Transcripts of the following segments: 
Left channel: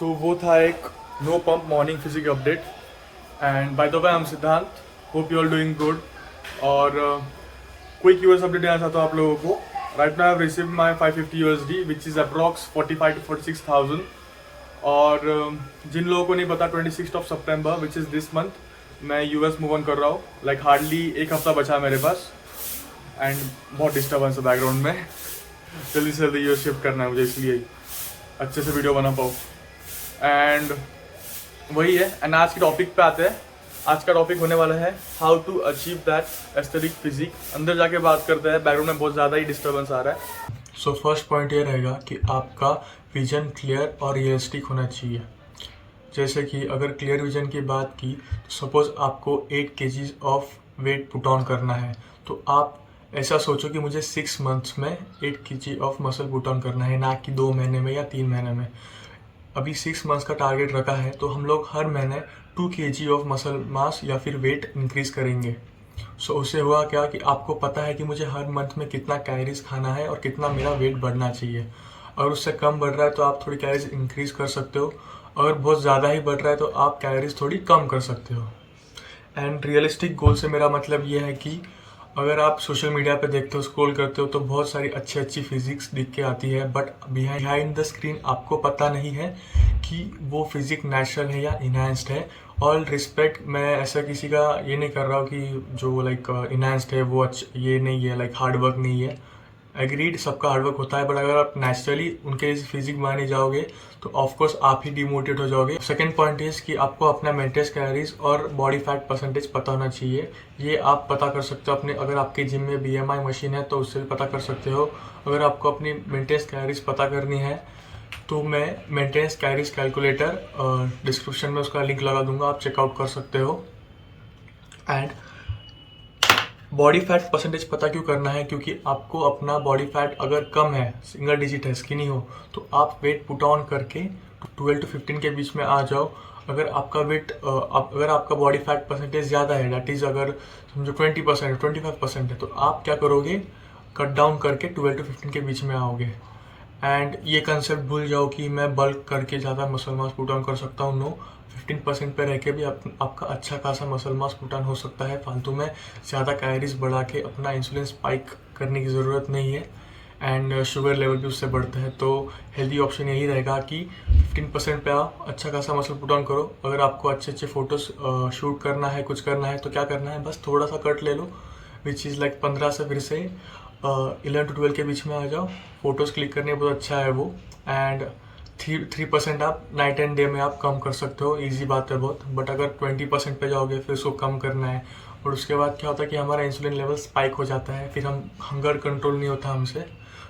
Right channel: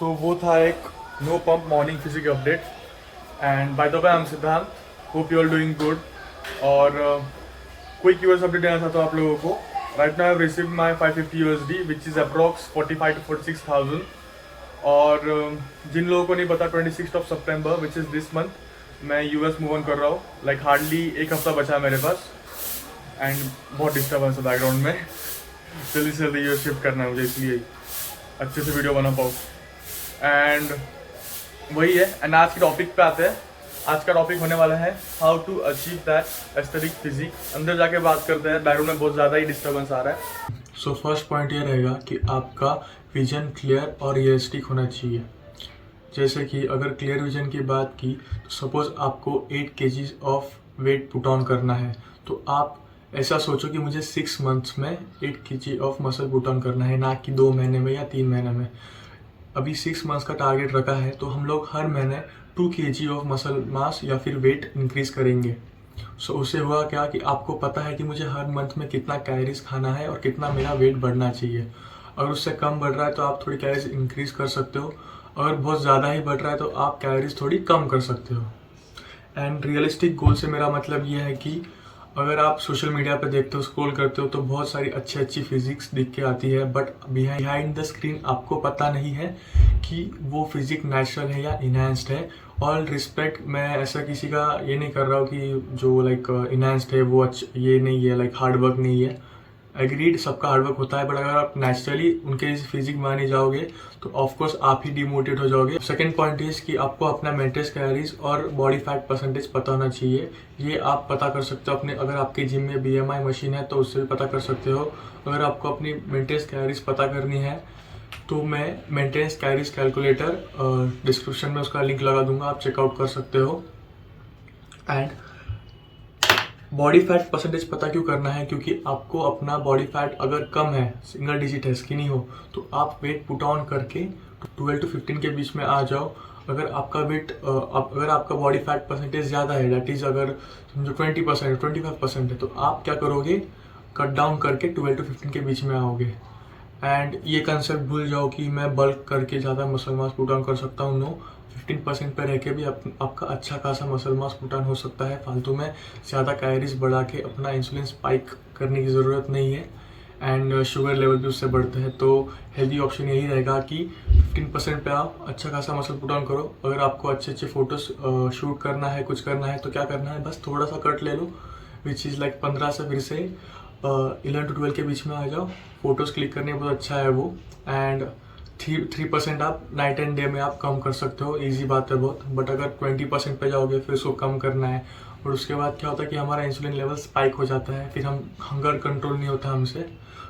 सो वो था एक no pump morning physique update. And by the way I am Siddhant. Hope you are doing good. और quick US update देना चाहता हूँ आप लोगों को. Right now I have received my 550 USD which is approx 45 to 46,000. और जिन लोगों को नहीं पता 26 सितंबर विच इज़ दिस मंथ मैं यूएस मूव ऑन कर रहा हूँ. लाइक हार्डली एक हफ्ता बचा है मेरे पास. एंड बहुत डिस्टर्बेंस है बैकग्राउंड में. जल्दी से जल्दी यूएस शिफ्ट करना है मुझे, इसलिए अच्छे से वीडियो बना पाऊँ. एंड वही है. एंड आज के टॉपिक पे आते हैं. आज का टॉपिक होने वाला है how to achieve that aesthetic physique. अंदर जाके बात करते हैं. बैकग्राउंड में बहुत ज़्यादा ही डिस्टर्बेंस आ रहा है. सो फर्स्ट पॉइंट ये रहेगा कि आपका विजन क्लियर और रियलिस्टिक होना चाहिए. जैसे कि अगर क्लियर विजन की बात की तो सपोज आपको 8 kg of weight put on करना है, तो आप ऐसा सोचो कि मुझे 6 months में 8 kg of muscle put on करना है, ना कि 2 महीने में या 3 महीने में. अभी 6 months का टारगेट रखा है तो हम लोग हर महीने 2 kg ऑफ मसल मास या फिर वेट इंक्रीज करेंगे. सो उससे हुआ क्या कि आपको पता है कि मुझे हर मंथ में कितना कैलोरीज खाना है और कितना मेरा वेट बढ़ना चाहिए. अगर उससे कम बढ़ रहा है तो आप थोड़ी कैलोरीज इंक्रीज कर सकते हो. अगर बहुत ज़्यादा ही बढ़ रहा है तो आप कैलोरीज थोड़ी कम कर सकते हो. एंड रियलिस्टिक गोल से मेरा मतलब ये है कि अगर आप सोशल मीडिया पे देखते हो, स्क्रॉल करते हो, तो बहुत सारी अच्छी अच्छी फिजिक्स दिख के आती है, बट बिहाइंड द स्क्रीन आपको पता नहीं है कि वो फिजिक नेचुरल है या इनहेंस्ड है. ऑल रिस्पेक्ट, मैं ऐसा किसी का ये नहीं कर रहा हूँ कि जो लाइक इनहेंस्ड है वो ये नहीं है, लाइक हार्ड वर्क नहीं है. एग्रीड, सबका हार्डवर्क होता है, बट अगर आप नेचुरली उनके फिजिक माने जाओगे तो ऑफकोर्स आप ही डिमोटिवेट हो जाओगे. सेकंड पॉइंट इज कि आपको अपना मेंटेनेंस कैलोरीज और बॉडी फैट परसेंटेज पता होना चाहिए. ये आप पता कर सकते हो अपने, अगर आपके जिम में BMI मशीन है तो उससे भी पता कर सकते हो. अगर आपको अपनी मेंटेनेंस कैलोरीज पता करनी है तो मैं मेंटेनेंस कैलोरीज कैलकुलेटर डिस्क्रिप्शन में उसका लिंक लगा दूंगा, आप चेकआउट कर सकते हो. एंड बॉडी फैट परसेंटेज पता क्यों करना है? क्योंकि आपको अपना बॉडी फैट अगर कम है, सिंगल डिजिट है, स्किनी हो, तो आप वेट पुट ऑन करके 12 to 15 के बीच में आ जाओ. अगर आपका वेट अगर आपका बॉडी फैट परसेंटेज ज़्यादा है, डैट इज़ अगर समझो 20% 25% है, तो आप क्या करोगे, कट डाउन करके 12 to 15 के बीच में आओगे. एंड ये कंसेप्ट भूल जाओ कि मैं बल्क करके ज़्यादा मसल मास पुट ऑन कर सकता हूँ. नो, 15% पे रह के भी आपका अच्छा खासा मसल मास पुट ऑन हो सकता है. फालतू में ज़्यादा कैलोरीज बढ़ा के अपना इंसुलिन स्पाइक करने की ज़रूरत नहीं है. एंड शुगर लेवल भी उससे बढ़ते हैं. तो हेल्दी ऑप्शन यही रहेगा कि 15% पे आओ, अच्छा खासा मसल पुट ऑन करो. अगर आपको अच्छे अच्छे फोटोज शूट करना है, कुछ करना है, तो क्या करना है, बस थोड़ा सा कट ले लो, विच इज़ लाइक 15 से फिर से 11 to 12 के बीच में आ जाओ. फोटोज़ क्लिक करने बहुत अच्छा है वो. एंड 3% आप नाइट एंड डे में आप कम कर सकते हो. ईजी बात है बहुत. बट अगर 20% पे जाओगे फिर उसको कम करना है, और उसके बाद क्या होता है कि हमारा इंसुलिन लेवल स्पाइक हो जाता है, फिर हम हंगर कंट्रोल नहीं होता हमसे.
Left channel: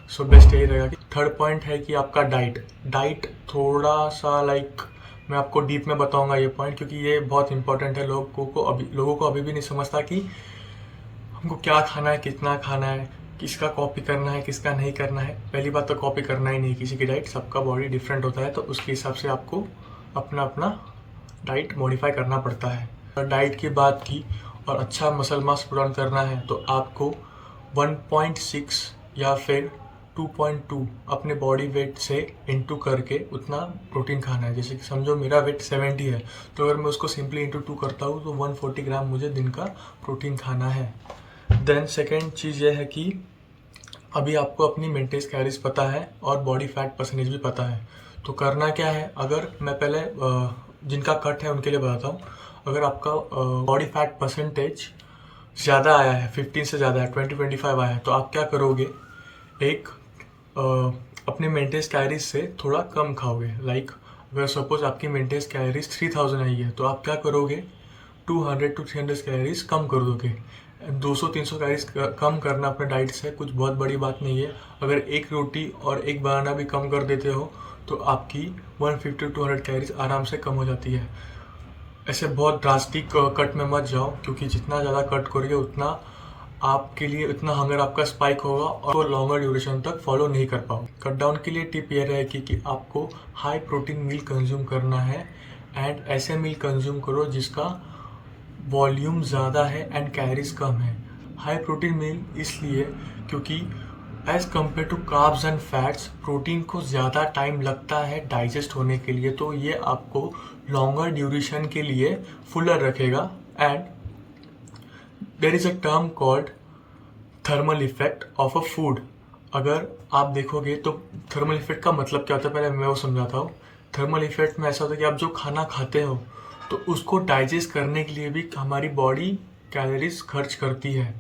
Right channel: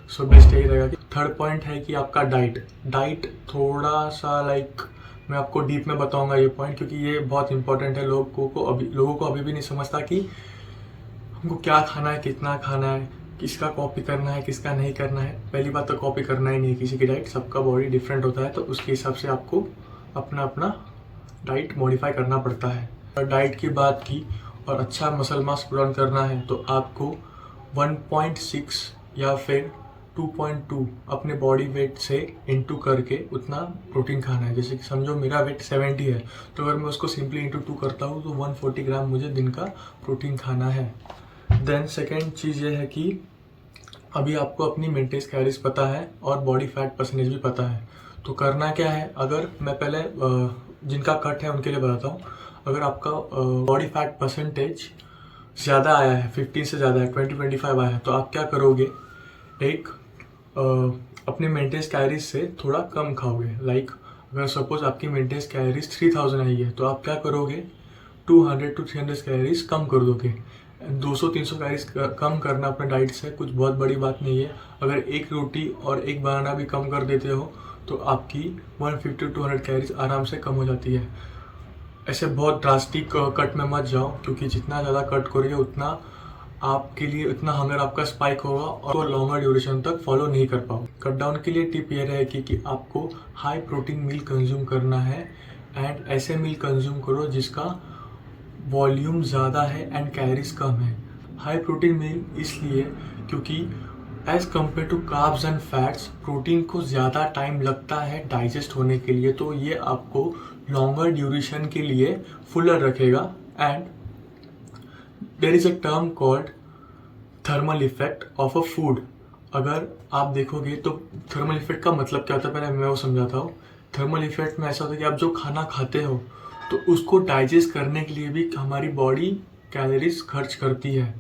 सो बेस्ट यही रहेगा. थर्ड पॉइंट है कि आपका डाइट थोड़ा सा लाइक मैं आपको डीप में बताऊंगा ये पॉइंट, क्योंकि ये बहुत इंपॉर्टेंट है. लोगों को अभी भी नहीं समझता कि हमको क्या खाना है, कितना खाना है, किसका कॉपी करना है, किसका नहीं करना है. पहली बात तो कॉपी करना ही नहीं किसी की डाइट. सबका बॉडी डिफरेंट होता है, तो उसके हिसाब से आपको अपना अपना डाइट मॉडिफाई करना पड़ता है. और डाइट की बात की और अच्छा मसल मास पुट ऑन करना है तो आपको 1.6 या फिर 2.2 अपने बॉडी वेट से इंटू करके उतना प्रोटीन खाना है. जैसे कि समझो मेरा वेट 70 है, तो अगर मैं उसको सिंपली इंटू 2 करता हूँ तो 140 ग्राम मुझे दिन का प्रोटीन खाना है. देन सेकेंड चीज़ ये है कि अभी आपको अपनी मेंटेनेंस कैलोरीज पता है और बॉडी फैट परसेंटेज भी पता है. तो करना क्या है, अगर मैं पहले जिनका कट है उनके लिए बताता हूँ. अगर आपका बॉडी फैट परसेंटेज ज़्यादा आया है, 15 से ज़्यादा है, 20-25 आया है, तो आप क्या करोगे, एक अपने मेंटेनेंस कैलोरीज से थोड़ा कम खाओगे. लाइक अगर सपोज आपकी मेंटेनेंस कैलोरीज 3000 आई है, तो आप क्या करोगे, 200 to 300 कैलोरीज कम कर दोगे. 200-300 कैलोरीज कम करना अपने डाइट से कुछ बहुत बड़ी बात नहीं है. अगर एक रोटी और एक बनाना भी कम कर देते हो तो आपकी 150 to 200 कैलोरीज आराम से कम हो जाती है. ऐसे बहुत ड्रास्टिक कट में मत जाओ, क्योंकि जितना ज़्यादा कट करोगे उतना आपके लिए इतना हंगर आपका स्पाइक होगा और लॉन्गर ड्यूरेशन तक फॉलो नहीं कर पाओ. कट डाउन के लिए टिप यह रहेगी कि आपको हाई प्रोटीन मील कंज्यूम करना है. एंड ऐसे मील कंज्यूम करो जिसका वॉल्यूम ज़्यादा है एंड कैलोरीज कम है. हाई प्रोटीन मील इसलिए क्योंकि as compare to carbs and fats, protein को ज़्यादा टाइम लगता है डाइजेस्ट होने के लिए, तो ये आपको लॉन्गर ड्यूरेशन के लिए फुलर रखेगा। And there is a term called thermal effect of a food. अगर आप देखोगे तो थर्मल इफेक्ट का मतलब क्या होता है, पहले मैं वो समझाता हूँ। थर्मल इफेक्ट में ऐसा होता है कि आप जो खाना खाते हो तो उसको डाइजेस्ट करने के लिए भी हमारी बॉडी कैलोरीज खर्च करती है।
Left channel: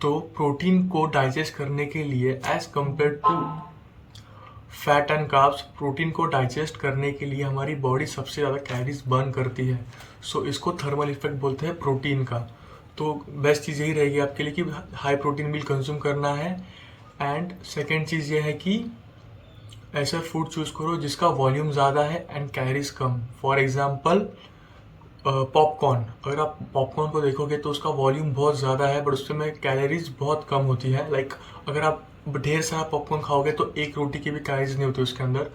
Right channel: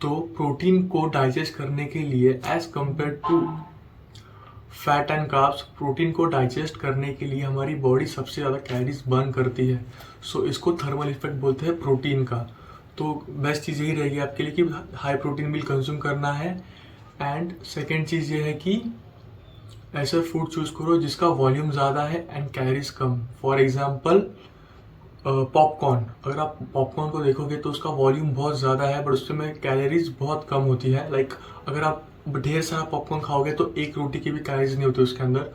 तो प्रोटीन को डाइजेस्ट करने के लिए as compare to fat and carbs, protein को डाइजेस्ट करने के लिए हमारी बॉडी सबसे ज़्यादा कैलोरीज बर्न करती है। सो इसको थर्मल इफेक्ट बोलते हैं प्रोटीन का। तो बेस्ट चीज़ यही रहेगी आपके लिए कि हाई प्रोटीन मील कंज्यूम करना है। एंड सेकेंड चीज़ ये है कि ऐसा फूड चूज़ करो जिसका वॉल्यूम ज़्यादा है and calories come. For example popcorn, अगर आप पॉपकॉर्न को देखोगे तो उसका वॉल्यूम बहुत ज़्यादा है बट उसमें कैलोरीज बहुत कम होती है। लाइक अगर आप ढेर सारा पॉपकॉर्न खाओगे तो एक रोटी की भी कैलोरीज नहीं होती उसके अंदर।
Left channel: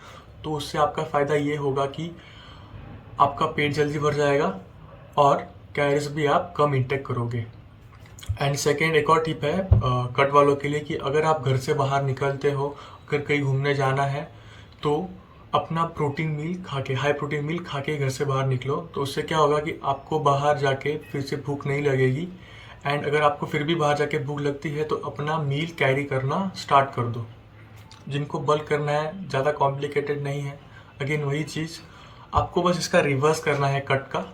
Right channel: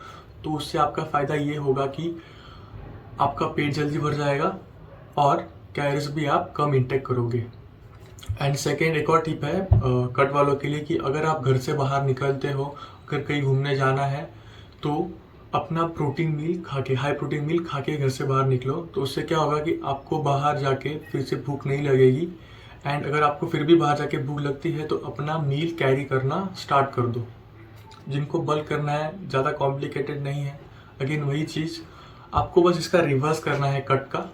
तो उससे आपका फ़ायदा ये होगा कि आपका पेट जल्दी भर जाएगा और कैलोरीज भी आप कम इंटेक करोगे। एंड सेकेंड एक और टिप है कट वालों के लिए कि अगर आप घर से बाहर निकलते हो, अगर कहीं घूमने जाना है तो अपना प्रोटीन मील खा के, हाई प्रोटीन मील खा के घर से बाहर निकलो। तो उससे क्या होगा कि आपको बाहर जाके फिर से भूख नहीं लगेगी। एंड अगर आपको फिर भी बाहर जाके भूख लगती है तो अपना मील कैरी करना स्टार्ट कर दो। जिनको बल्क करना है, ज़्यादा कॉम्प्लिकेटेड नहीं है। अगेन वही चीज़, आपको बस इसका रिवर्स करना है कट का।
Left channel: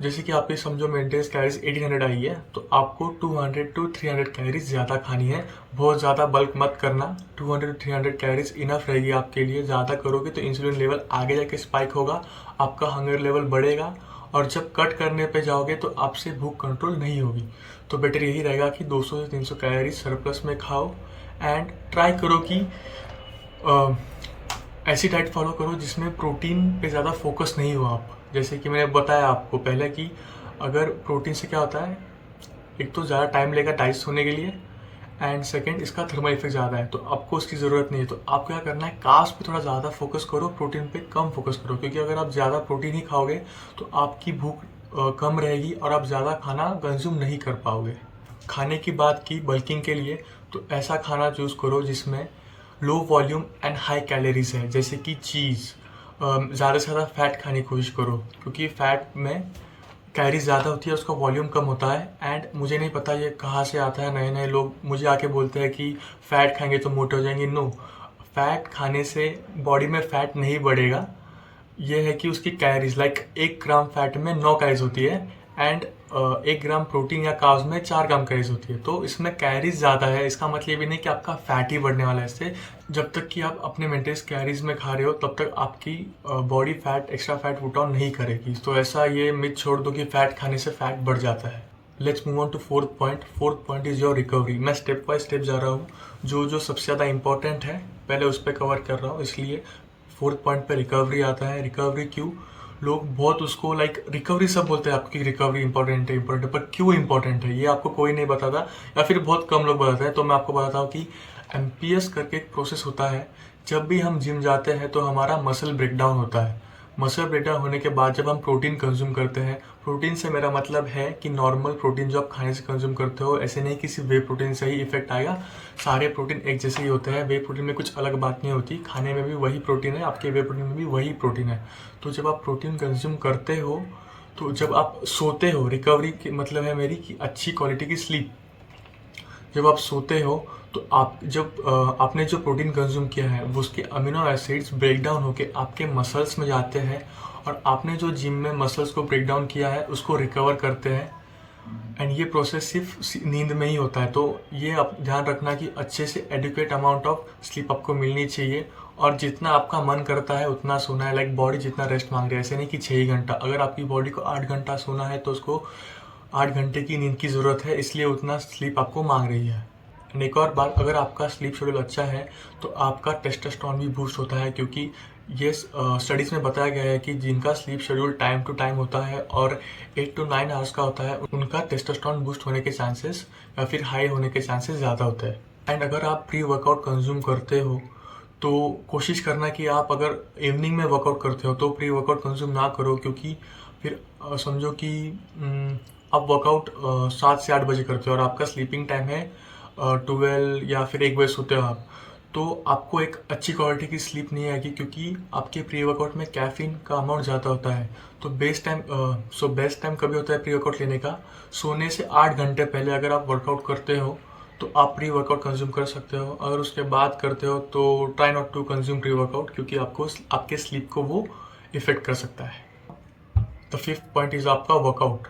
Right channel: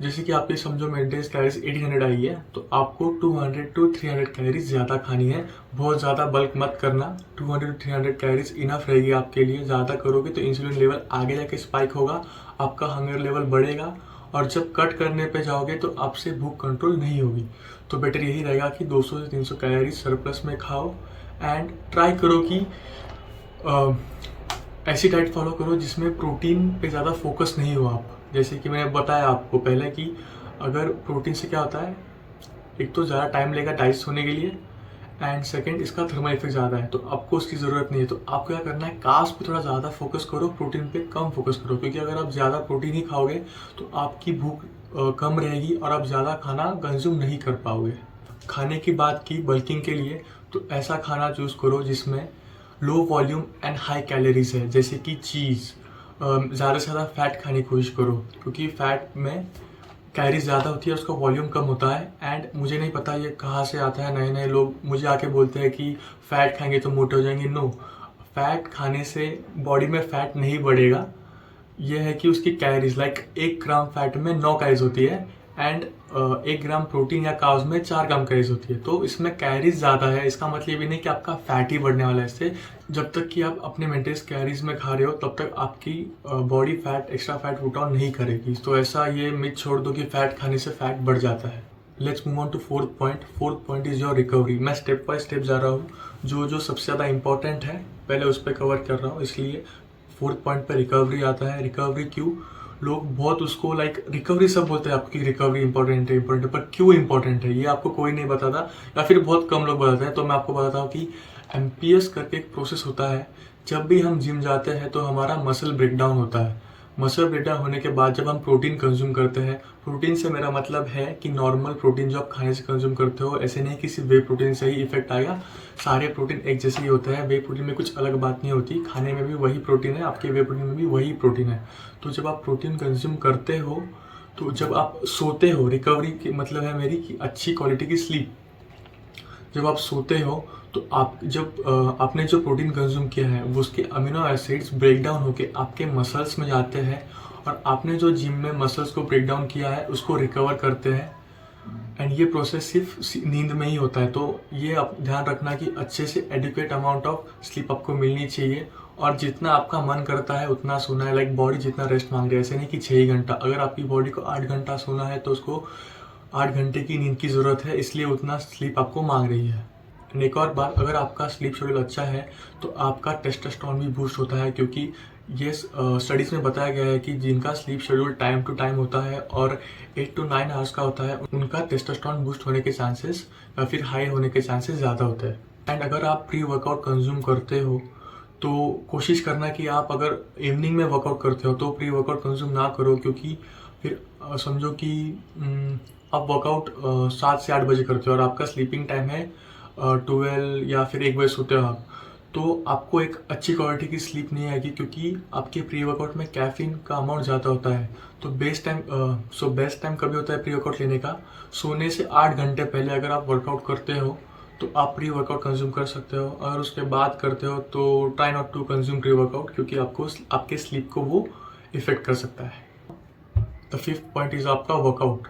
जैसे कि आप ये समझो मेंटेनेंस कैलोरीज 1800 आई है तो आपको 200 टू 300 कैलोरीज ज़्यादा खानी है। बहुत ज़्यादा बल्क मत करना, 200 टू 300 कैलोरीज इनफ रहेगी आपके लिए। ज़्यादा करोगे तो इंसुलिन लेवल आगे जाके स्पाइक होगा, आपका हंगर लेवल बढ़ेगा और जब कट करने पे जाओगे तो आपसे भूख कंट्रोल नहीं होगी। तो बेटर यही रहेगा कि 200 से 300 कैलोरीज सरप्लस में खाओ। एंड ट्राई करो कि ऐसी डाइट फॉलो करो जिसमें प्रोटीन पे ज़्यादा फोकस नहीं हो आप। जैसे कि मैंने बताया आपको पहले कि अगर प्रोटीन से क्या होता है, एक तो ज़्यादा टाइम लेगा डाइजेस्ट होने के लिए एंड सेकंड इसका थर्मल इफेक्ट ज़्यादा है तो आपको उसकी ज़रूरत नहीं है। तो आपको क्या करना है, कार्ब्स पे थोड़ा ज़्यादा फोकस करो, प्रोटीन पे कम फोकस करो। क्योंकि अगर आप ज़्यादा प्रोटीन ही खाओगे तो आपकी भूख कम रहेगी और आप ज़्यादा खाना कंज्यूम नहीं कर पाओगे। खाने की बात की बल्किंग के लिए तो ऐसा खाना चूज़ करो जिसमें low volume and high calories है, जैसे कि चीज़। ज़्यादा से ज़्यादा फैट खाने की कोशिश करो क्योंकि फैट में कैलोरीज ज़्यादा होती है, उसका वॉल्यूम कम होता है। एंड मुझे नहीं पता ये कहाँ से आता है, नए नए लोग मुझे आके बोलते हैं कि फ़ैट खाएंगे तो मोटे हो जाएंगे। नो, फैट खाने से बॉडी में फ़ैट नहीं बढ़ेगा। ये है कि उसकी कैलोरीज लाइक 1 ग्राम फैट में 9 कैलोरीज होती है एंड 1 ग्राम प्रोटीन या कार्ब्स में 4 ग्राम कैलोरीज होती है। तो इसमें कैलोरीज ज़्यादा है, इसका मतलब ये भी नहीं कि आपका फैट ही बढ़ने वाला है इससे। जब तक कि आप अपने मेंटेनेंस कैलोरीज में खा रहे हो तब तक आपकी body fat, extra fat put on नहीं करेगी। तो ऐसा ये मिथ छोड़ दो कि फैट खाने से फैट बढ़ जाता है। Let's move on to fourth point. Fourth point is your recovery. मैं स्टेप बाय स्टेप जा रहा हूँ, जो जो सबसे ज़्यादा इंपॉर्टेंट है पहले उस पर कवर कर रहा हूँ। इसलिए फोर्थ पॉइंट पे रिकवरी आता है। रिकवरी क्यों, लोग बहुत उसको लाइक रिकवरी सब बोलते हैं आपको कि रिकवरी इंपॉर्टेंट है, पर क्यों इंपॉर्टेंट है ये आपको कोई नहीं बताता या फिर बहुत कम लोग बताते हैं। तो मैं आपको बताता हूँ कि एमपीएस करके एक प्रोसेस होता है। जब भी हम जिम जाते हैं तो हमारा मसल ब्रेकडाउन होता है। मसल ब्रेकडाउन होने के बाद जब हम प्रोटीन कंज्यूम करते हैं, प्रोटीन से मेरा मतलब है कि नॉर्मल प्रोटीन जो आप खाने से कंज्यूम करते हो, ऐसे नहीं कि सिर्फ वे प्रोटीन से ही इफेक्ट आएगा। सारे प्रोटीन एक जैसे ही होते हैं, वे प्रोटीन में कुछ अलग बात नहीं होती। खाने में भी वही प्रोटीन है, आपके वे प्रोटीन में भी वही प्रोटीन है। तो जब आप प्रोटीन कंज्यूम करते हो तो जब आप सोते हो, रिकवरी की मतलब है मेरी कि अच्छी क्वालिटी की स्लीप। जब आप सोते हो तो आप जब आपने जो प्रोटीन कंज्यूम किया है वो उसके अमीनो एसिड्स ब्रेक डाउन होके आपके मसल्स में जाते हैं और आपने जो जिम में मसल्स को ब्रेक डाउन किया है उसको रिकवर करते हैं। एंड ये प्रोसेस सिर्फ नींद में ही होता है। तो ये आप ध्यान रखना कि अच्छे से एडुकेट अमाउंट ऑफ स्लीप आपको मिलनी चाहिए और जितना आपका मन करता है उतना सोना है। लाइक बॉडी जितना रेस्ट मांग रही है, ऐसे नहीं कि 6 ही घंटा। अगर आपकी बॉडी को 8 घंटा सोना है तो उसको 8 घंटे की नींद की ज़रूरत है, इसलिए उतना स्लीप आपको मांग रही है। एक और बात, अगर आपका स्लीप शेड्यूल अच्छा है तो आपका टेस्टोस्टेरोन भी बूस्ट होता है। क्योंकि ये स्टडीज़ में बताया गया है कि जिनका sleep schedule time to time होता है और 8 to 9 आवर्स का होता है, उनका टेस्टोस्टेरोन बूस्ट होने के चांसेस या फिर हाई होने के चांसेस ज़्यादा होते हैं। एंड अगर आप प्री वर्कआउट कंज्यूम करते हो तो कोशिश करना कि आप अगर इवनिंग में वर्कआउट करते हो तो प्री वर्कआउट कंज्यूम ना करो। क्योंकि फिर समझो कि आप वर्कआउट 7 से 8 बजे करते हो और आपका स्लीपिंग टाइम है 12 या फिर 1 बजे सोते हो आप, तो आपको एक अच्छी क्वालिटी की स्लीप नहीं आएगी, क्योंकि आपके प्री वर्कआउट में कैफीन का अमाउंट ज़्यादा होता है। तो बेस्ट टाइम कभी होता है प्री वर्कआउट लेने का? सोने से 8 घंटे पहले अगर आप वर्कआउट करते हो तो आप प्री वर्कआउट कंज्यूम कर सकते हो। अगर उसके बाद करते हो तो try not to consume pre workout, क्योंकि आपको आपके स्लीप को वो इफेक्ट कर सकता है। द फिफ्थ पॉइंट इज़ आपका वर्कआउट।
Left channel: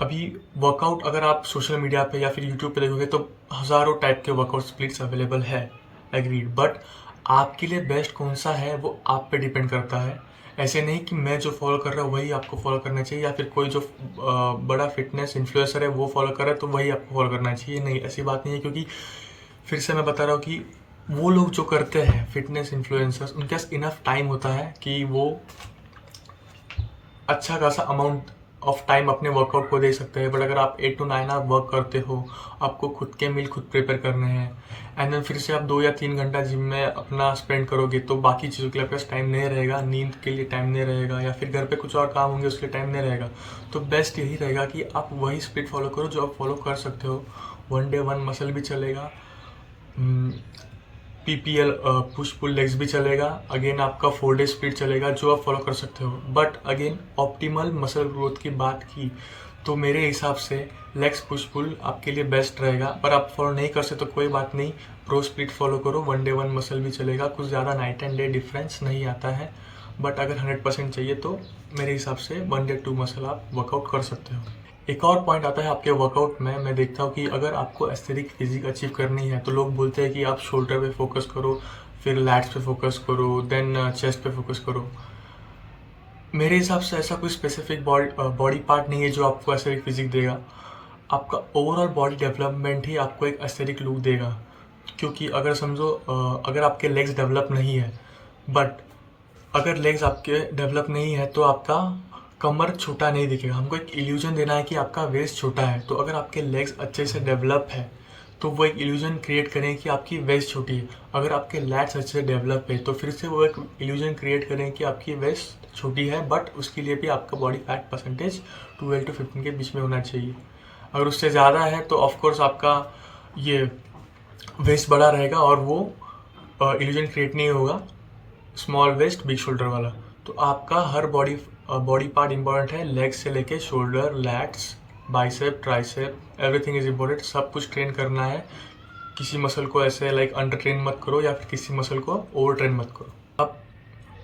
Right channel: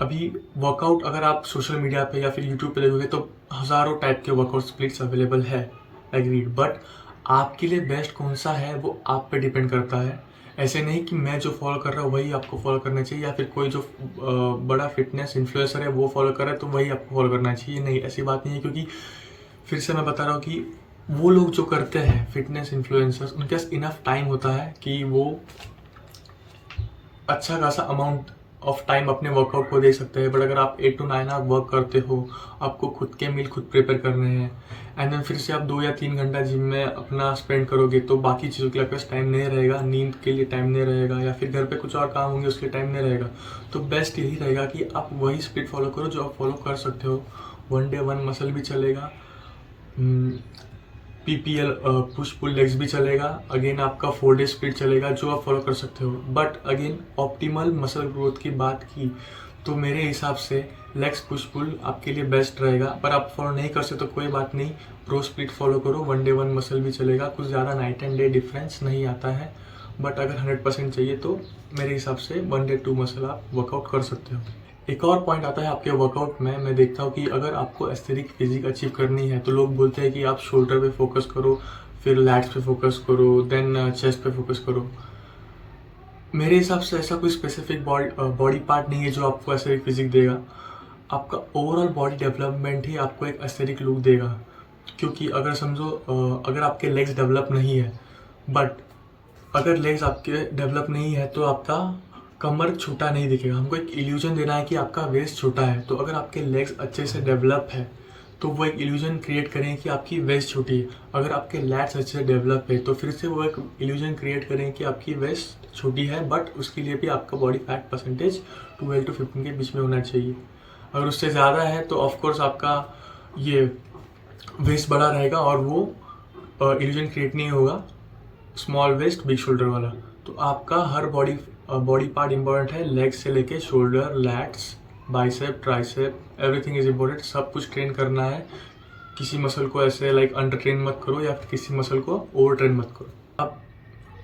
अभी वर्कआउट अगर आप सोशल मीडिया पे या फिर यूट्यूब पे देखोगे तो हज़ारों टाइप के वर्कआउट स्प्लिट्स अवेलेबल है, एग्रीड, बट आपके लिए बेस्ट कौन सा है वो आप पे डिपेंड करता है। ऐसे नहीं कि मैं जो फॉलो कर रहा हूँ वही आपको फॉलो करना चाहिए, या फिर कोई जो बड़ा फिटनेस इन्फ्लुएंसर है वो फॉलो कर रहा है तो वही आपको फॉलो करना चाहिए। नहीं, ऐसी बात नहीं है, क्योंकि फिर से मैं बता रहा हूँ कि वो लोग जो करते हैं फिटनेस इन्फ्लुएंसर्स, उनके पास इनफ टाइम होता है कि वो अच्छा खासा अमाउंट ऑफ टाइम अपने वर्कआउट को दे सकते हैं। बट अगर आप 8 to 9 आवर वर्क करते हो, आपको खुद के मील खुद प्रिपेयर करने हैं, एंड देन फिर से आप 2 या 3 घंटा जिम में अपना स्पेंड करोगे, तो बाकी चीज़ों के लिए आपके पास टाइम नहीं रहेगा, नींद के लिए टाइम नहीं रहेगा, या फिर घर पे कुछ और काम होंगे उसके लिए टाइम नहीं रहेगा। तो बेस्ट यही रहेगा कि आप वही स्प्लिट फॉलो करो जो आप फॉलो कर सकते हो। 1 day 1 मसल भी चलेगा, PPL पुश पुल लेग्स भी चलेगा, अगेन आपका 4 day स्प्लिट चलेगा जो आप फॉलो कर सकते हो। But again optimal muscle growth की बात की तो मेरे हिसाब से लेग्स पुश पुल आपके लिए बेस्ट रहेगा। पर आप फॉलो नहीं कर सकते तो कोई बात नहीं, प्रो स्प्लिट फॉलो करो, 1 day 1 मसल भी चलेगा, कुछ ज़्यादा नाइट एंड डे डिफरेंस नहीं आता है। बट अगर 100% चाहिए तो मेरे हिसाब से 1 day 2 मसल आप वर्कआउट कर सकते हो। एक और पॉइंट आता है आपके वर्कआउट में, मैं देखता हूँ कि अगर आपको एस्थेटिक फिजिक अचीव करनी है तो लोग बोलते हैं कि आप शोल्डर पे फोकस करो, फिर लैट्स पे फोकस करो, देन चेस्ट पे फोकस करो। मेरे हिसाब से ऐसा कोई स्पेसिफिक बॉडी पार्ट नहीं है जो आपको एस्थेटिक फिजिक देगा। आपका ओवरऑल बॉडी डेवलपमेंट ही आपको एक एस्थेटिक लुक देगा। क्योंकि अगर समझो अगर आपके लेग्स डेवलप नहीं है, बट अगर लेग्स आपके डेवलप नहीं है तो आपका कमर छोटा नहीं दिखेगा। हमको एक इल्यूजन देना है कि आपका वेस्ट छोटा है। तो अगर आपके लेग्स अच्छे से डेवलप है तो वो एक इल्यूजन क्रिएट करें कि आपकी वेस्ट छोटी है। अगर आपके लैट्स अच्छे से डेवलप है तो फिर से वो एक इल्यूजन क्रिएट करें कि आपकी वेस्ट छोटी है, बट उसके लिए भी आपका बॉडी फैट परसेंटेज 12 to 15 के बीच में होना चाहिए। अगर उससे ज़्यादा है तो ऑफकोर्स आपका ये वेस्ट बड़ा रहेगा और वो इल्यूजन क्रिएट नहीं होगा, स्मॉल वेस्ट बिग शोल्डर वाला। तो आपका हर बॉडी पार्ट इंपॉर्टेंट है, लेग से लेके shoulder, lats, bicep, tricep, everything is important. सब कुछ ट्रेन करना है। किसी मसल को ऐसे लाइक अंडर ट्रेन मत करो या फिर किसी मसल को ओवर ट्रेन मत करो। अब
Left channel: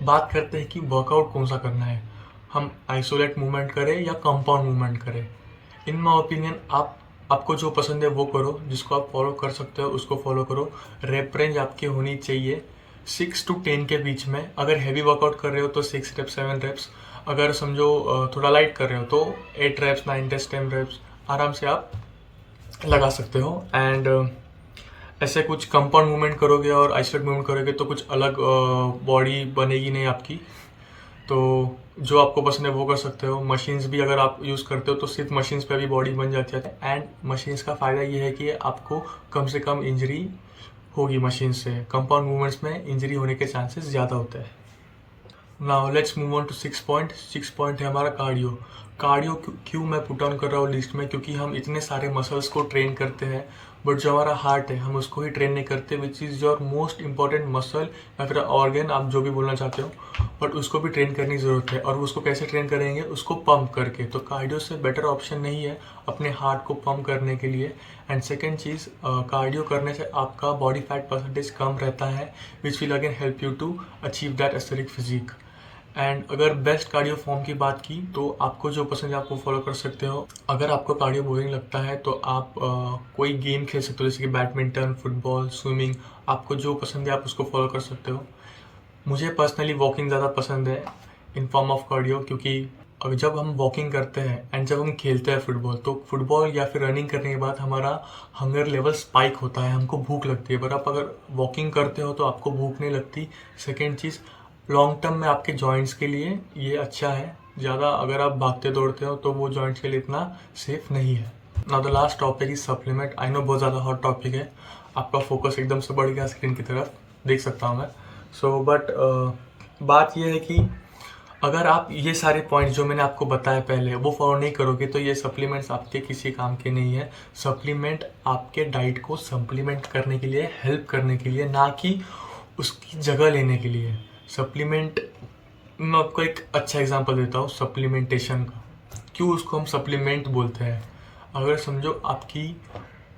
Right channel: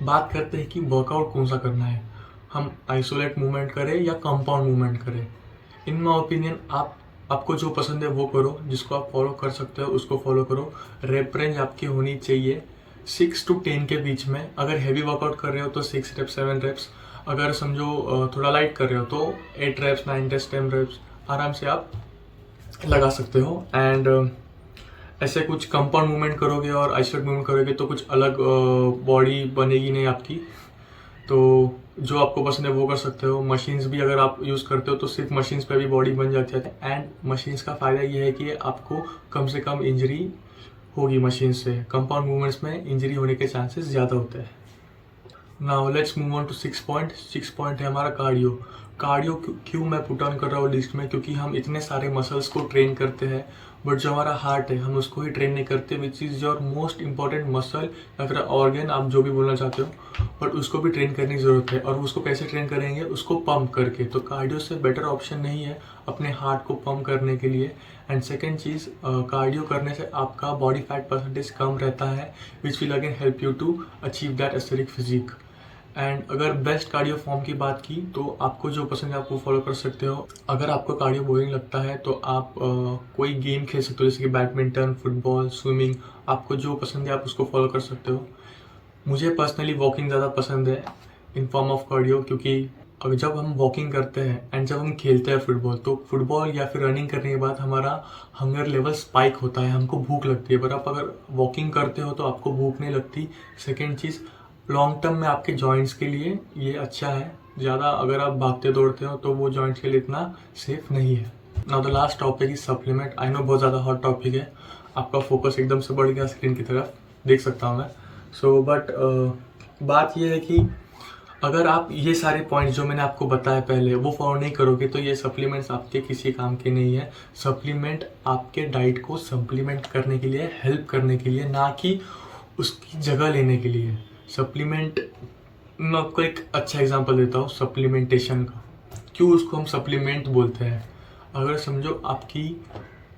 बात करते हैं कि वर्कआउट कौन सा करना है, हम आइसोलेट मूवमेंट करें या कंपाउंड मूवमेंट करें। इन माई ओपिनियन आपको जो पसंद है वो करो, जिसको आप फॉलो कर सकते हो उसको फॉलो करो। रेप रेंज आपकी होनी चाहिए 6 to 10 के बीच में। अगर हैवी वर्कआउट कर रहे हो तो 6 reps 7 reps, अगर समझो थोड़ा लाइट कर रहे हो तो 8 reps 9 reps 10 reps आराम से आप लगा सकते हो। एंड ऐसे कुछ कंपाउंड मूवमेंट करोगे और आइसोलेट मूवमेंट करोगे तो कुछ अलग बॉडी बनेगी नहीं आपकी। तो जो आपको पसंद है वो कर सकते हो। मशीन्स भी अगर आप यूज़ करते हो तो सिर्फ मशीन्स पे भी बॉडी बन जाती है। एंड मशीन्स का फ़ायदा ये है कि आपको कम से कम इंजरी होगी मशीन से। कंपाउंड मूवमेंट्स में इंजरी होने के चांसेस ज़्यादा होते हैं। Now let's move on to 6 point. 6 point है हमारा कार्डियो। कार्डियो क्यों मैं पुट ऑन कर रहा हूँ लिस्ट में, क्योंकि हम इतने सारे मसल्स को ट्रेन करते हैं बट जो हमारा हार्ट है हम उसको ही ट्रेन नहीं करते, which is your most important muscle या फिर ऑर्गन, आप जो भी बोलना चाहते हो, बट उसको भी ट्रेन करने की ज़रूरत है। और उसको कैसे ट्रेन करेंगे, उसको पंप करके। तो कार्डियो से बेटर ऑप्शन नहीं है अपने हार्ट को पंप करने के लिए। एंड सेकेंड चीज़, कार्डियो करने से आपका बॉडी फैट परसेंटेज कम रहता है, which will again help you to achieve that aesthetic physique. And अगर बेस्ट कार्डियो फॉर्म की बात की तो आपको जो पसंद है आपको फॉलो कर सकते हो। अगर आपको कार्डियो बोरिंग लगता है तो आप कोई गेम खेल सकते हो, जैसे कि बैडमिंटन, फुटबॉल, स्विमिंग, आपको जो पसंद है आप उसको फॉलो कर सकते हो। मुझे पर्सनली वॉकिंग ज़्यादा पसंद है इन फॉर्म ऑफ कार्डियो, क्योंकि जब हम वॉकिंग करते हैं एंड जब हम खेलते हैं फुटबॉल, तो फुटबॉल या फिर रनिंग करने के बाद हमारा हंगर लेवल स्पाइक होता है, हमको भूख लगती है। पर आप अगर वॉकिंग करते हो तो आपको भूख नहीं लगती। सेकेंड चीज़, लॉन्ग टर्म में आपके जॉइंट्स के लिए ये अच्छा है। ज़्यादा अगर आप भागते दौड़ते हो तो वो जॉइंट्स के लिए इतना सेफ नहीं है। Now the last topic is supplement. I know बहुत ज़्यादा हॉट टॉपिक है, आपका फोकस एकदम से बढ़ गया स्क्रीन की तरफ, देख सकता हूँ मैं। सो बट बात यह है कि अगर आप ये सारे पॉइंट जो मैंने आपको बताया पहले वो फॉलो नहीं करोगे तो ये सप्लीमेंट्स आपके किसी काम के नहीं है। सप्लीमेंट आपके डाइट को सप्लीमेंट करने के लिए, हेल्प करने के लिए, ना कि उसकी जगह लेने के लिए। सप्लीमेंट, मैं आपको एक अच्छा एग्जांपल देता हूँ सप्लीमेंटेशन का। क्यों उसको हम सप्लीमेंट बोलते हैं? अगर समझो आपकी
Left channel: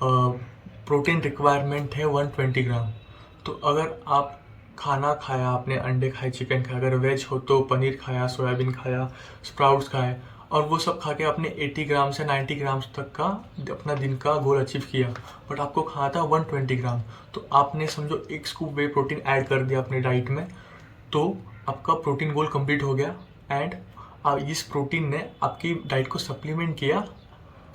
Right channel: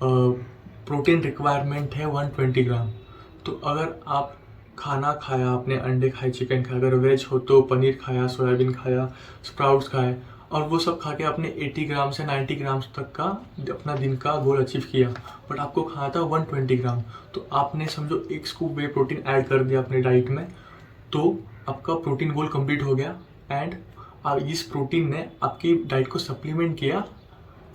प्रोटीन रिक्वायरमेंट है 120 ग्राम, तो अगर आप खाना खाया, आपने अंडे खाए, चिकन खाया, अगर वेज हो तो पनीर खाया, सोयाबीन खाया, स्प्राउट्स खाए, और वो सब खा के आपने 80 ग्राम से 90 ग्राम्स तक का अपना दिन का गोल अचीव किया, बट आपको खाना था 120 ग्राम, तो आपने समझो एक स्कूप वे प्रोटीन ऐड कर दिया अपने डाइट में, तो आपका प्रोटीन गोल कंप्लीट हो गया। एंड इस प्रोटीन ने आपकी डाइट को सप्लीमेंट किया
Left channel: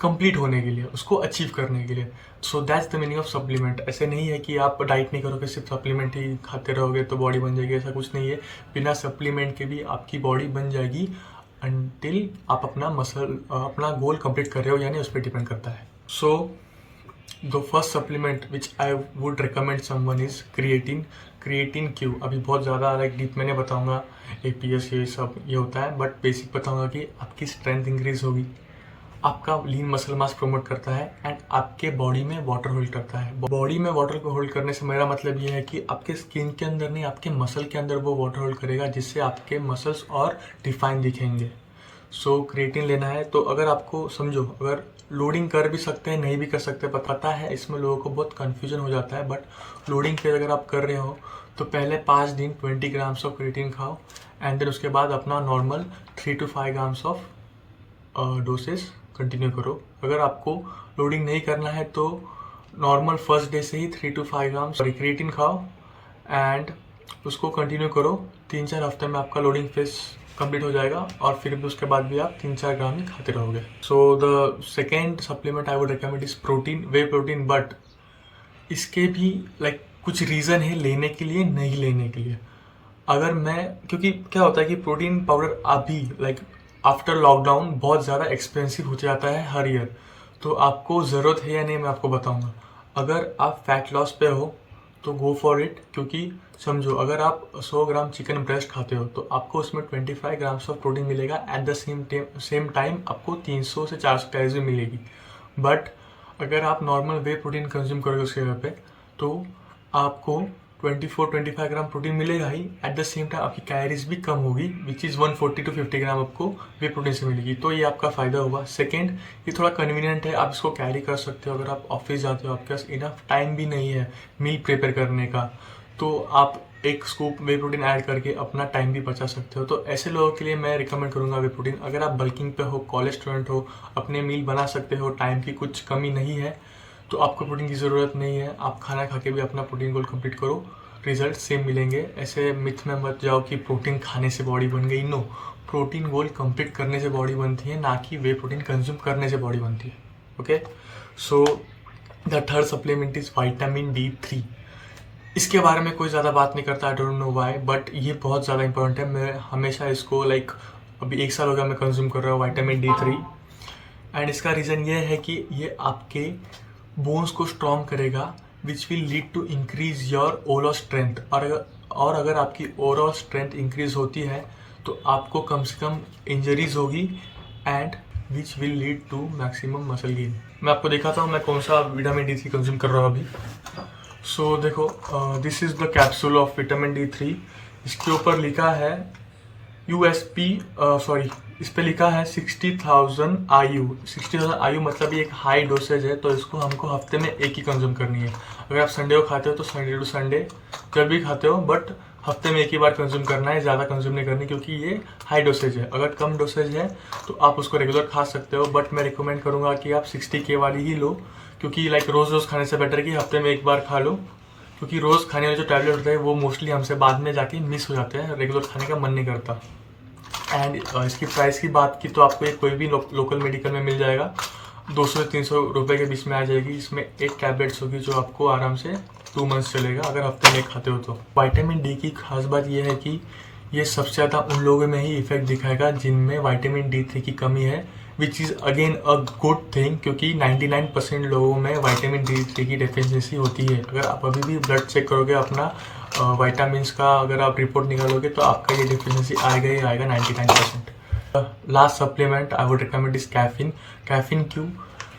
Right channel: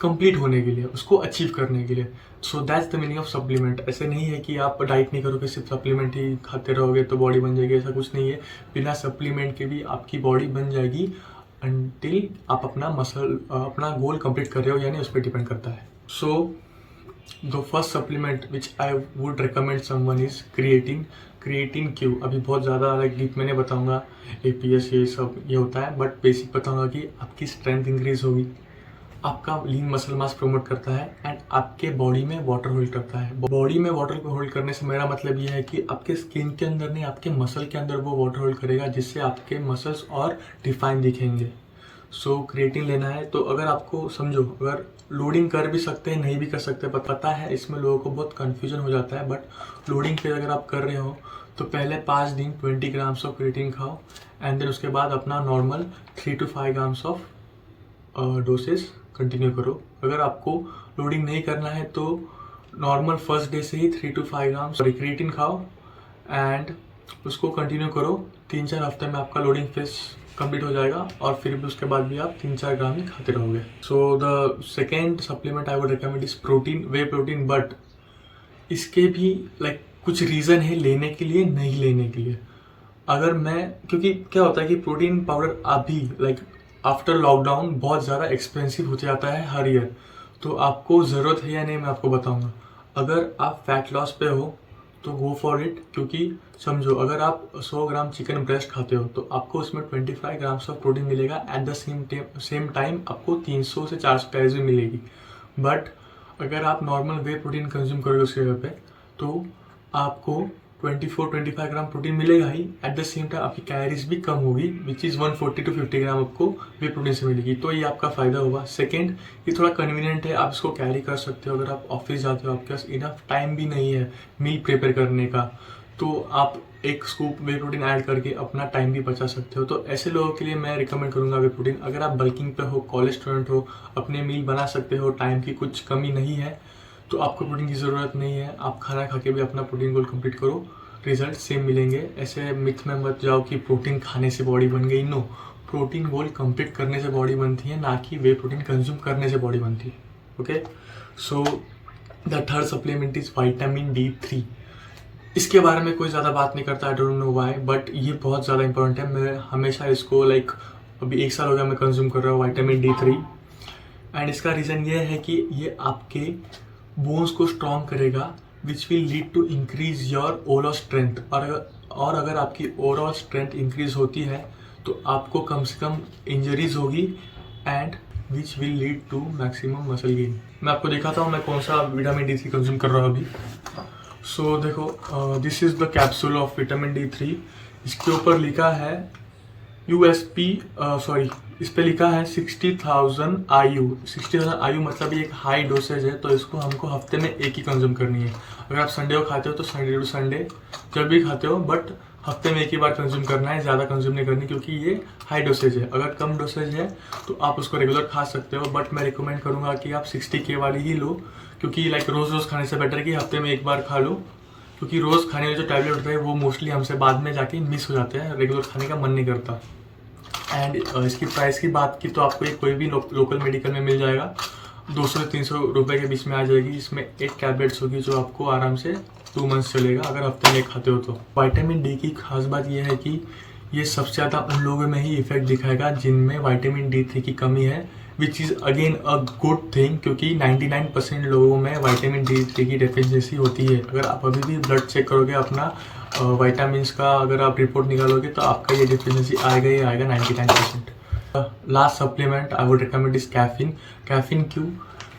कंप्लीट होने के लिए, उसको अचीव करने के लिए। So that's the meaning of supplement. ऐसे नहीं है कि आप डाइट नहीं करोगे, सिर्फ सप्लीमेंट ही खाते रहोगे तो बॉडी बन जाएगी, ऐसा कुछ नहीं है। बिना सप्लीमेंट के भी आपकी बॉडी बन जाएगी अनटिल आप अपना गोल कंप्लीट कर रहे हो, यानी उस पर डिपेंड करता है। So the first supplement which I would recommend someone is creatine. Creatine क्यों? अभी बहुत ज़्यादा लाइक डीप मैंने बताऊंगा, APS ये सब ये होता है, बट बेसिक बताऊंगा कि आपकी स्ट्रेंथ इंक्रीज होगी, आपका लीन मसल मास प्रमोट करता है, एंड आपके बॉडी में वाटर होल्ड करता है। बॉडी में वाटर को होल्ड करने से मेरा मतलब ये है कि आपके स्किन के अंदर नहीं, आपके मसल के अंदर वो वाटर होल्ड करेगा, जिससे आपके मसल्स और डिफाइन दिखेंगे। सो क्रिएटिन लेना है तो अगर आपको समझो, अगर लोडिंग कर भी सकते हैं, नहीं भी कर सकते, पता है इसमें लोगों को बहुत कन्फ्यूजन हो जाता है, बट लोडिंग पे अगर आप कर रहे हो तो पहले 5 दिन 20 ग्राम्स ऑफ क्रिएटिन खाओ, एंड देन उसके बाद अपना normal 3 to 5 grams of doses continue करो। अगर आपको लोडिंग नहीं करना है तो नॉर्मल फर्स्ट डे से ही 3 to 5 ग्राम्स क्रिएटिन खाओ, एंड उसको कंटिन्यू करो। 3-4 हफ्ते में आपका लोडिंग फेज कंप्लीट हो जाएगा, और फिर भी उसके बाद भी आप 3-4 ग्राम ही खाते रहोगे। So the second supplement I would recommend is protein, way protein. But इसके भी लाइक कुछ रीज़न है लेने के लिए, नहीं लेने के लिए। अगर क्योंकि क्या होता है कि प्रोटीन पाउडर अभी लाइक आफ्टर लॉकडाउन बहुत ज़्यादा एक्सपेंसिव हो जाता है हर ईयर, तो आपको ज़रूरत है या नहीं मैं आपको बताऊंगा। अगर आप फैट लॉस पे हो तो गो फॉर इट, क्योंकि समझो अगर आप 100 ग्राम चिकन ब्रेस्ट खाते हो तो आपको उसमें 25 ग्राम्स ऑफ प्रोटीन मिलेगा, एट द सेम टाइम आपको 300 से 400 कैलोरीज भी मिलेगी। बट अगर आप नॉर्मल वे प्रोटीन कंज्यूम करोगे उसके जगह पे, तो आपको 24-25 ग्राम प्रोटीन मिलेगा ही, एट द सेम टाइम आपकी कैलोरीज भी कम होगी, विच इज़ 140 to 50 ग्राम आपको वे प्रोटीन से मिलेगी, तो ये आपका फ़ायदा होगा। सेकेंड, ये थोड़ा कन्वीनियंट है, आप इसको कैरी कर सकते हो। अगर आप ऑफिस जाते हो, आपके पास इनफ टाइम भी नहीं है मील प्रिपेयर करने का, तो आप एक स्कूप वे प्रोटीन ऐड करके अपना टाइम भी बचा सकते हो। तो ऐसे लोगों के लिए मैं रिकमेंड करूँगा वे प्रोटीन। अगर आप बल्किंग पे हो, कॉलेज स्टूडेंट हो, अपने मील बना सकते हो, टाइम की कुछ कमी नहीं है, तो आपको प्रोटीन की ज़रूरत नहीं है। आप खाना खा के भी अपना प्रोटीन गोल कंप्लीट करो, रिजल्ट सेम मिलेंगे। ऐसे मिथ में मत जाओ कि प्रोटीन खाने से बॉडी बन गई। नो, प्रोटीन गोल कंप्लीट करने से बॉडी बनती है, ना कि वे प्रोटीन कंज्यूम करने से बॉडी बनती है। Okay, so the third supplement is vitamin D3। इसके बारे में कोई ज़्यादा बात नहीं करता, I don't know why, but ये बहुत ज़्यादा इंपॉर्टेंट है। मैं हमेशा इसको लाइक अभी 1 साल हो गया मैं कंज्यूम कर रहा हूँ विटामिन D3, एंड इसका रीज़न ये है कि ये आपके बोन्स को स्ट्रॉन्ग करेगा, which will lead to increase your overall strength. और अगर आपकी ओवरऑल स्ट्रेंथ इंक्रीज होती है तो आपको कम से कम इंजरीज होगी, and which will lead to maximum muscle gain. मैं आपको दिखाता हूँ मैं कौन सा विटामिन D3 कंज्यूम कर रहा हूँ अभी। सो देखो, this is the capsule of vitamin D3। इसके ऊपर लिखा है USP, सॉरी, इस पे लिखा है 60,000 IU। 60,000 IU मतलब ये एक हाई डोसेज है, तो इसको हमको हफ्ते में एक ही कंज्यूम करनी है। अगर आप संडे को खाते हो तो संडे टू संडे जब भी खाते हो, बट हफ्ते में एक ही बार कंज्यूम करना है, ज़्यादा कंज्यूम नहीं करनी, क्योंकि ये हाई डोसेज है। अगर कम डोसेज है तो आप उसको रेगुलर खा सकते हो, बट मैं रिकमेंड करूँगा कि आप 60K वाली ही लो, क्योंकि लाइक रोज़ रोज़ खाने से बेटर है कि हफ्ते में एक बार खा लो, क्योंकि रोज़ खाने वाले जो टैबलेट होते हैं वो मोस्टली हमसे बाद में जाके मिस हो जाते हैं, रेगुलर खाने का मन नहीं करता। एंड इसकी प्राइस की बात की तो आपको ये कोई भी लोकल मेडिकल में मिल जाएगा, 200 से 300 रुपये के बीच में आ जाएगी। इसमें 8 टैबलेट्स होगी जो आपको आराम से 2 मंथ्स चलेगा अगर हफ्ते में खाते हो तो। विटामिन D की खास बात यह है कि ये सबसे ज़्यादा उन लोगों में ही इफेक्ट दिखाएगा जिनमें विटामिन D3 की कमी है, which is again a good thing, क्योंकि 99% लोगों में विटामिन D3 की डेफिशिएंसी होती है। अगर आप अभी भी ब्लड चेक करोगे अपना विटामिन्स का, अगर आप रिपोर्ट निकालोगे तो आपका ये डेफिशिएंसी आएगा ही आएगा 99%। Last supplement I would recommend is caffeine. Caffeine क्यों?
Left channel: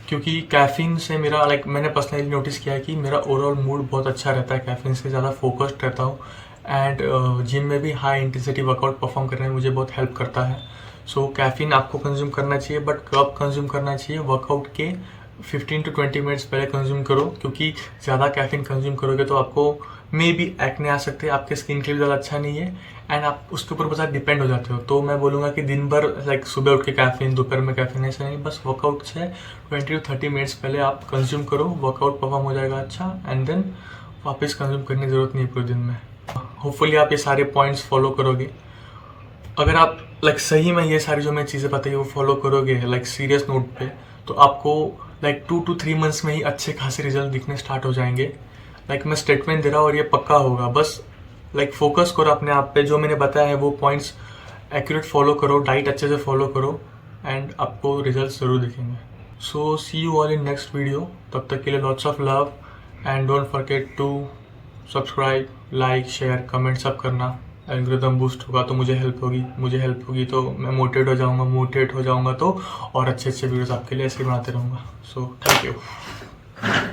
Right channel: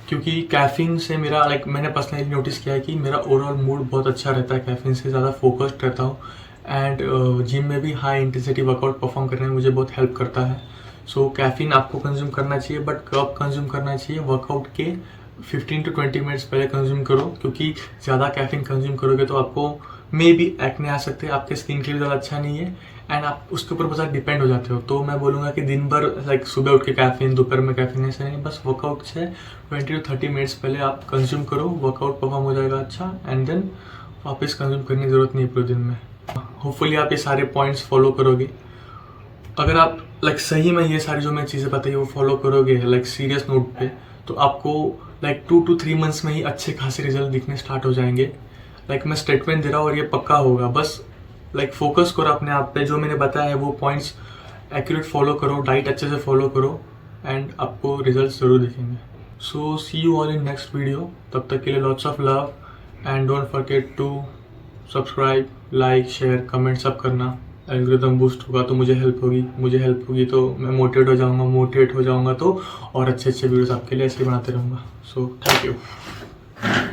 क्योंकि कैफीन से मेरा मैंने पर्सनली नोटिस किया है कि मेरा ओवरऑल मूड बहुत अच्छा रहता है, कैफीन से ज़्यादा फोकस्ड रहता हूँ। एंड जिम में भी हाई इंटेंसिटी वर्कआउट परफॉर्म करने में मुझे बहुत हेल्प करता है। सो कैफीन आपको कंज्यूम करना चाहिए, बट कब कंज्यूम करना चाहिए? वर्कआउट के 15 to 20 मिनट्स पहले कंज्यूम करो, क्योंकि ज़्यादा कैफीन कंज्यूम करोगे तो आपको मे बी एक्ने आ सकते हैं, आपके स्किन के लिए ज़्यादा अच्छा नहीं है, एंड आप उसके ऊपर बहुत डिपेंड हो जाते हो। तो मैं बोलूँगा कि दिन भर सुबह उठ के कैफीन, दोपहर में कैफीन, ऐसा नहीं, बस वर्कआउट से 20 to 30 मिनट्स पहले आप कंज्यूम करो, वर्कआउट परफॉर्म हो जाएगा अच्छा, एंड देन वापस कंज्यूम करने की ज़रूरत नहीं है पूरे दिन में। होपफुली आप ये सारे पॉइंट्स फॉलो करोगे। अगर आप सही में ये सारी जो मैं चीज़ें बताई वो फॉलो करोगे सीरियस नोट पे, तो आपको 2 to 3 मंथ्स में ही अच्छे खासे रिजल्ट दिखने स्टार्ट हो जाएंगे। मैं स्टेटमेंट दे रहा हूँ और ये पक्का होगा। बस फोकस करो अपने आप पे, जो मैंने बताया है वो पॉइंट्स एक्यूरेट फॉलो करो, डाइट अच्छे से फॉलो करो, एंड आपको रिजल्ट ज़रूर दिखेंगे। So see you all in next video. तब तक के लिए lots of love, and don't forget to subscribe, like, share, comment सब करना। एल्गोरिथम बूस्ट होगा तो मुझे हेल्प होगी तो मैं मोटिवेट हो जाऊंगा तो और अच्छे वीडियोस आपके लिए ऐसे बनाते रहूँगा। So thank you.